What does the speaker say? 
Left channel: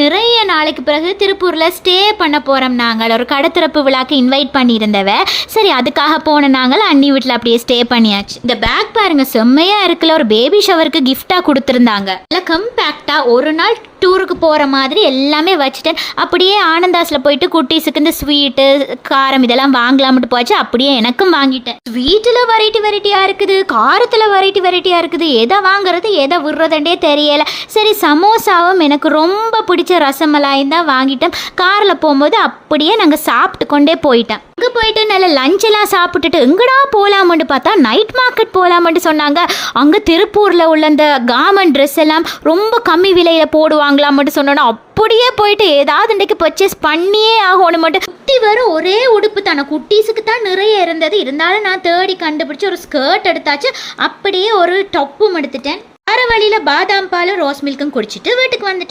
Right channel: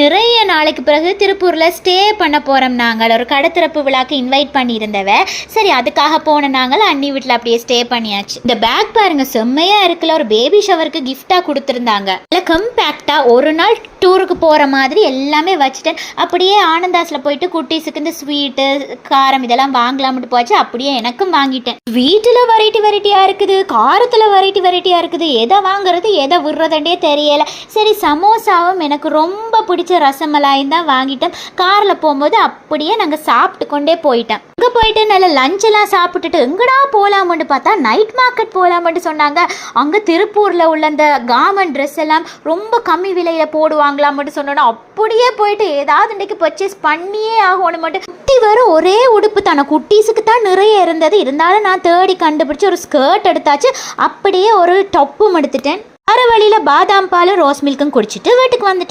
நிறைய நாளைக்கு பிறகு திருப்பூரில் ஸ்டே பண்ண போகிறோம். நாங்கள் ஒரு கடத்திறப்பு விழாக்கு இன்வைட் பண்ணியிருந்தவ. சரி, அதுக்காக போன நாங்கள் அண்ணி வீட்டில் அப்படியே ஸ்டே பண்ணியாச்சு. இந்த பேக் பாருங்க, செம்மையாக இருக்குல்ல. ஒரு பேபி ஷவருக்கு கிஃப்டாக கொடுத்துருந்தாங்க. நல்லா கம்பேக்டாக ஒரு நாள் டூருக்கு போகிற மாதிரி எல்லாமே வச்சுட்டேன். அப்படியே ஆனந்தாஸில் போயிட்டு குட்டீஸுக்கு இந்த ஸ்வீட்டு காரம் இதெல்லாம் வாங்கலாம்ட்டு போச்சு. அப்படியே எனக்கும் வாங்கிட்டேன். ஸ்வீட்டில் வெரைட்டியாக இருக்குது, காரத்தில் வெரைட்டியாக இருக்குது. எதை வாங்குறது எதை விடுறதுண்டே தெரியலை. சரி, சமோசாவும் எனக்கு ரொம்ப பிடிச்ச ரசமலாயும் தான் வாங்கிட்டேன். காரில் போகும்போது அப்படியே நாங்கள் சாப்பிட்டு கொண்டே போயிட்டோம். அங்கே போயிட்டு நல்ல லஞ்செல்லாம் சாப்பிட்டுட்டு எங்கடா போகலாம்னு பார்த்தா நைட் மார்க்கெட் போகலாம்னு சொன்னாங்க. அங்கே திருப்பூரில் உள்ள அந்த கார்மெண்ட் ட்ரெஸ் எல்லாம் ரொம்ப கம்மி விலையில் போடுவாங்களாம்ட்டு சொன்னோன்னா அப்படியே போயிட்டு ஏதாவது இன்றைக்கு பர்ச்சேஸ் பண்ணியே ஆகணும். மட்டும் குட்டி வரும் ஒரே உடுப்பு தானே, குட்டீஸுக்கு தான் நிறைய இருந்தது. இருந்தாலும் நான் தேடி கண்டுபிடிச்சி ஒரு ஸ்கர்ட் எடுத்தாச்சு. அப்படியே ஒரு டப்பும் எடுத்துட்டேன். வர வழியில் பாதாம் பாலும் ரோஸ் மில்க்கும் குடிச்சிட்டு வீட்டுக்கு வந்துட்டேன்.